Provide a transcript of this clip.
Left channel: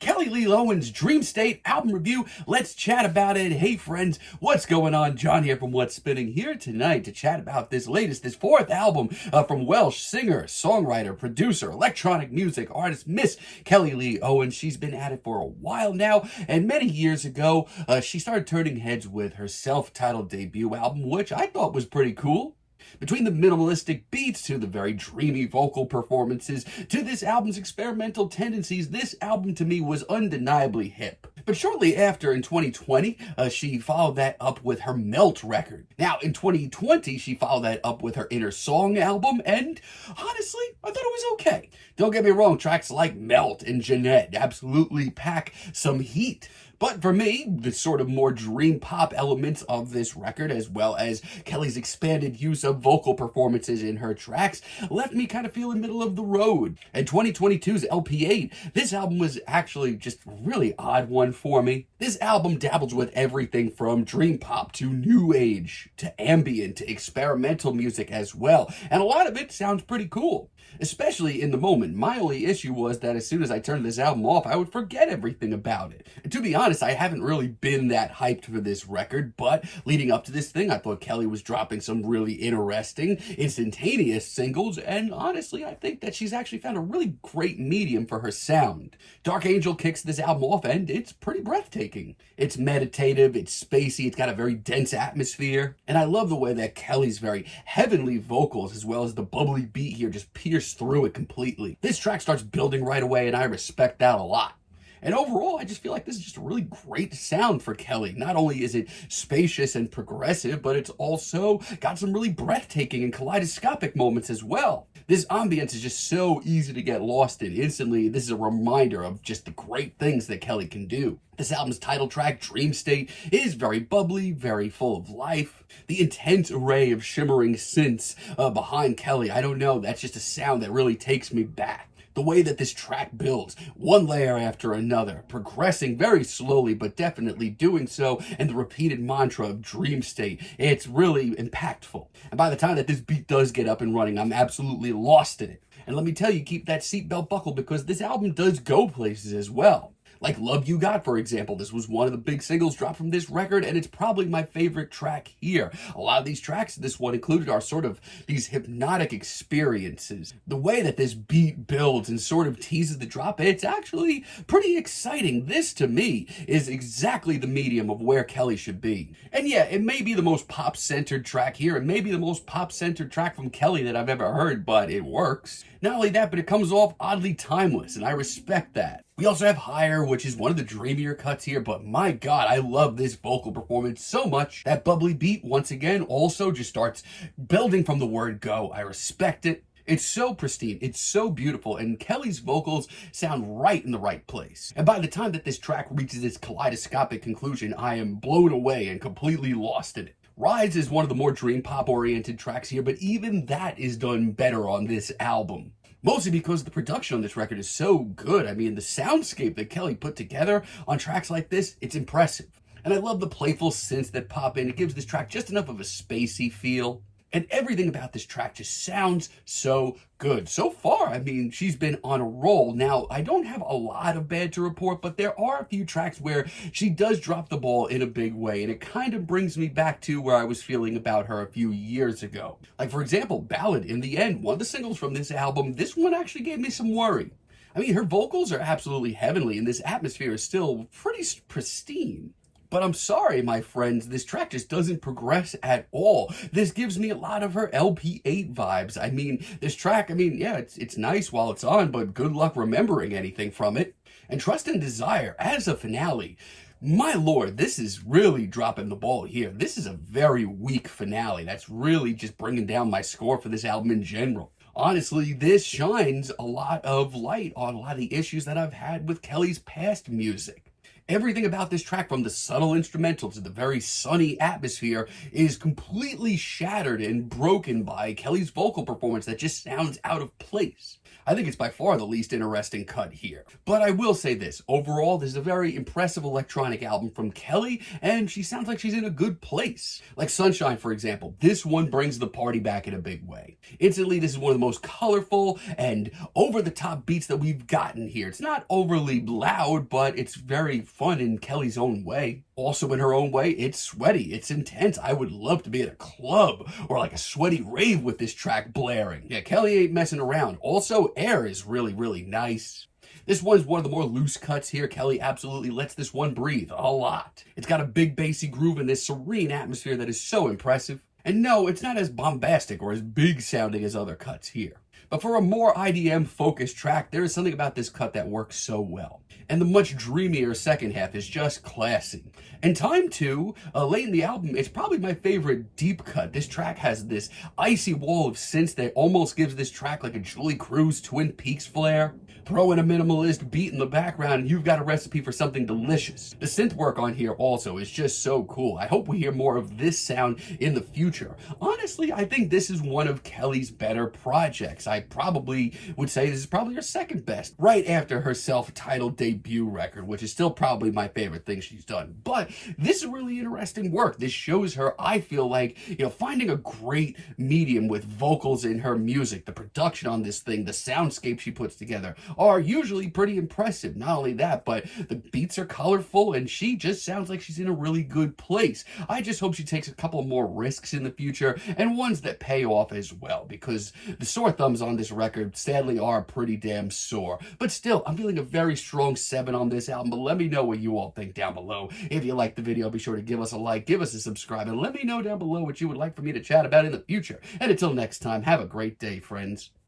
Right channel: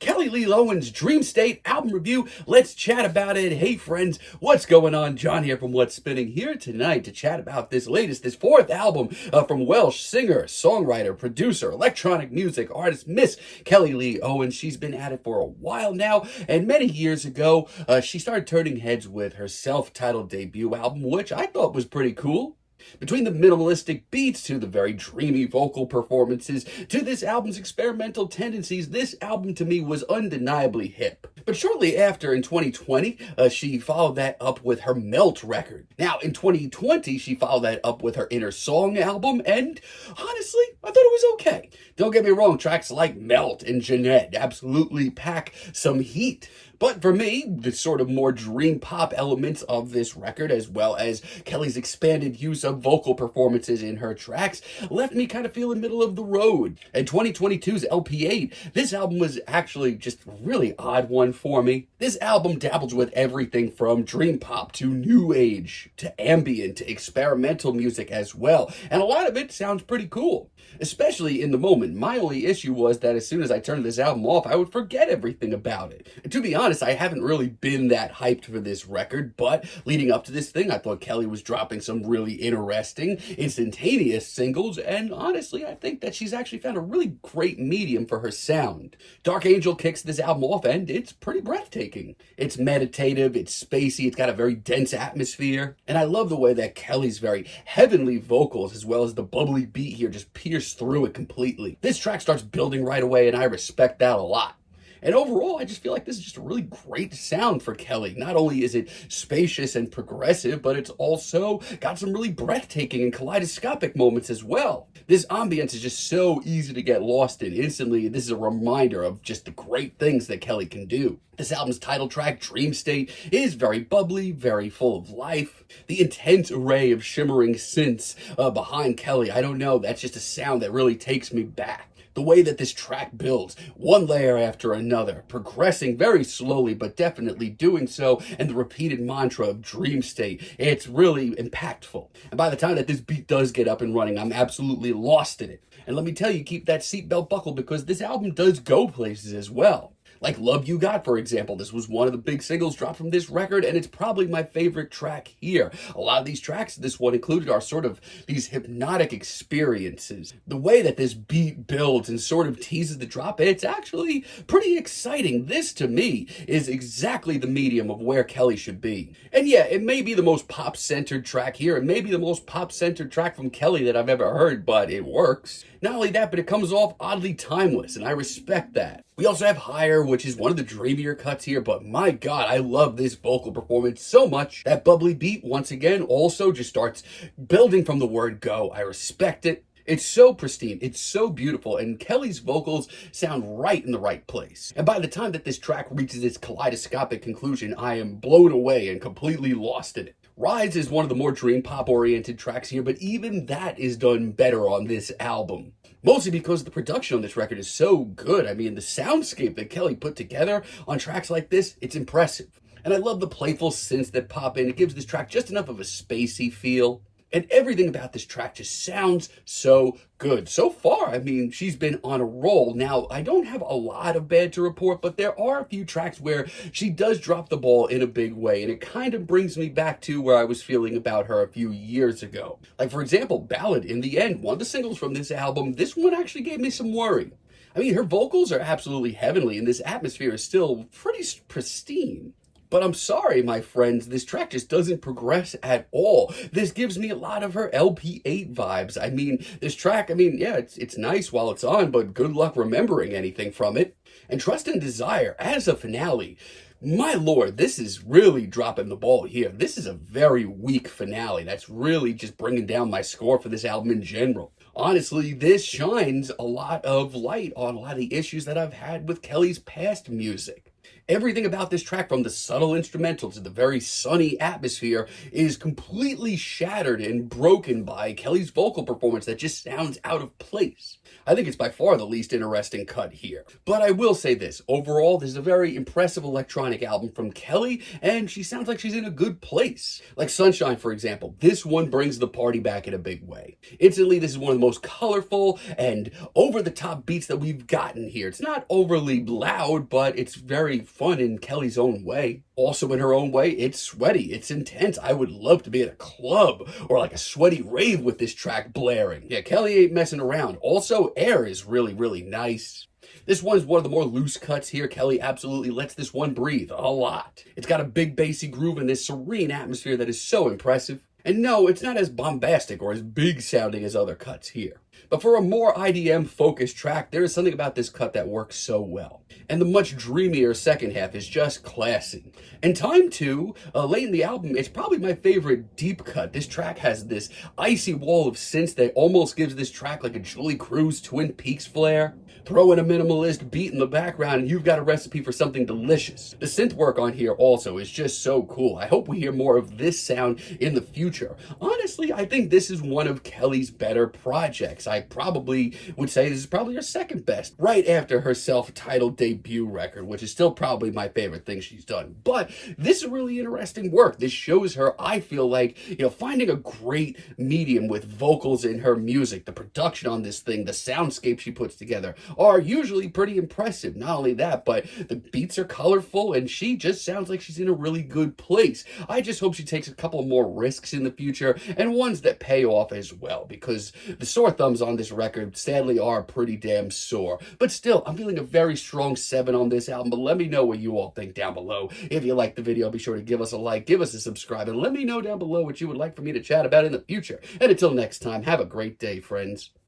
Kelly Lee Owens' Dreamstate album review. Let's chat about it. Hey friends, what's going on? John here from What's Spinning, here tonight to chat about this fourth album from Welsh singer, songwriter, producer, electronic music artist, Miss Kelly Lee Owens. She's been at it for a while now, and many years ago, she started turning heads with her self-titled debut album, which I thought was pretty cool. Between the minimalistic beats to the very dreamy vocal performances to this album's experimental tendencies, this album to me was undeniably hip. But shortly after, in 2020, she followed that up with her Melt record. Now, in 2020, she followed that up with her Inner Song album, and honestly, I thought it was okay. Don't get me wrong, tracks like Melt and Jeanette absolutely pack some heat. But for me, the sort of more dream pop elements of this record, as well as Kelly's expanded use of vocal performances in her tracks, left me kind of feeling middle of the road. And 2022's LP8, this album was actually just a really odd one for me. This album dabbles with everything from dream pop to new age to ambient to experimental music as well. And a lot of it sounds pretty cool, especially in the moment. My only issue was that as soon as I turned this album off, I would forget everything about it. And to be honest, I haven't really been that hyped for this record, but leading up to this thing, I thought Kelly was dropping some really interesting, instantaneous singles, and honestly, I think that she's actually found a really great medium for her sound. Dark Angel kicks this album off, and it's pretty breathtaking. It's meditative, it's spacey, it's got a very dense atmosphere, and I love the way that Kelly's very heavenly vocals, as well as the bubbly beat here, just pierce through it completely. This track starts building right away, and I respect that a lot. And overall, I just feel like this is just a really great sound for Kelly. Not only is it spacious and progressive, but it's also got some really breathtaking and kaleidoscopic moments as well. This ambience is just so easy to get lost in. Instantly, this is a reminder of just the great things that Kelly can do. This album's title track, Dreamstate, is very bubbly, very full of life. The intense array of shimmering synths behind Kelly, I don't know, that's just a sound that really takes me back. The way that this track builds, one layer after another, progressing very slowly, but definitely doing so, and the repeated mantra of dream state, it's really impactful. And by the time that this beat does get up and running, I'm absolutely lost in it. And let me tell you, keep that seatbelt buckled because this album does go places as well. Like Love You Got, for example. This was one of the big singles dropped from this record, and it's probably my favorite track here. A lot of these tracks, this one included, are sort of these hypnotic experiences. The way that this beat builds and sort of teases the drop, it's actually pretty exciting. This, to me, is exactly the medium of where Kelly should be. And yeah, it may be the most pop-centered track here. It may be the most pop-centered track from Kelly that I've ever heard, but it works. Not only that, but it comes off oddly timeless, and I respect that. We also have Higher, which is one of the dreamier cuts here, but my God, I love this vocal performance so much. That bubbly beat, once again, also just starts building from the word go. I respect it. It's so pristine, it's so beautiful, and Kelly's vocals sound right in the right place. And by the time that this track reaches its kaleidoscopic conclusion, I am blown away and completely lost in it. Rise is one of the more dream pop oriented tracks here, but even that is done better on this album. Mostly because the production on this record is so good. I mean, the soundscape that Kelly put together on tracks like this, it's impressive. And I love the playful synths that pop in. It gives this track just enough of a spacey feel. And everything about this track just sounds so good. So far, I mean, she's been on a roll. Now, I don't have a lot of bad to report, but there are a few tracks where she does drop the ball in a big way, and it kind of brings me back to where I was feeling about her a few years ago. Like, for example, Ballad, in the end, one of the singles from this album, this one actually gave me some worry. I mean, her vocals are absolutely heavenly, and this atmosphere is still pretty pristine. But I'm sorry, my friends, this track just doesn't progress at all. This gives me a lot of her LP8 vibes. I mean, this track, yeah, it's nice while it's on, but good luck remembering anything from it. And Trust and Desire, as a finale, my lord, this is really dropping the ball here. This is a very weak finale. That's really just bringing down my score for this album in general. Honestly, this shines a lot of light on a lot of the issues that I've had with Kelly's past music. Everything about this track, from the subtle instrumental to the very sunny atmosphere, is completely shattered and broken by Kelly's vocal performance that just sounds out of place. I think it's by far the least interesting cut here. But I will say this, overall, this is a very impressive electronic album from Kelly, and she sounds like she's in a good place. Like Sunshine, for example, this one brings the party back in a big way. Instantly, this is one of the most colorful and over-the-top beats that we've gotten here. It's not overly loud, but it's very fun in Kelly's own way. Also in her own way, it's sweaty, it's intense. I would love to be at a club or like a sweaty rave with this track blaring. Yeah, Kelly ain't messing around. Also, Air is really, really nice. This one's one of the more loose cuts here. Kelly absolutely lets this one breathe a lot. It's got a big bassy groove and this serene atmosphere that is so impressive. And no, it's not as bombastic or as big sounding as other cuts here. But for a more IDM focused track, there is something about this cut that works so well. And the much dreamier second half is just classy. And Time 2, late in the album, it's probably my favorite deep cut. This track has this icy wall of synths that almost gives this track like a Julie Cruz Twin Peaks flair. Throw in a minimalist beat in the background and you've got a recipe for something delicious. The synth work on here also is just so cool. I hope we hear more of this sound in the future. Honestly, I think this is one of Kelly's better projects. I probably would say this is probably her second best, right after her self-titled debut record, which is still probably my favorite thing she's done. But this is really interesting work. This shows her, I feel like, finding a great medium with vocals in her music. The production on this thing, the soundscape she puts together are usually pretty impressive. Not only that, but the beats are colorful and she just sounds like she's in a really good place. I just hope she takes a couple more risks in the future and ones that pay off as well, because the sore thumbs on this record sadly are pretty damn sore. But still, I'm feeling a very strong 7 on this album. But let me know what you all think down below. If you liked the video, be sure to give us a like, give us a subscribe, and let me know down below what you would like for me to chat about in the future. And until next time, have a great day, friends.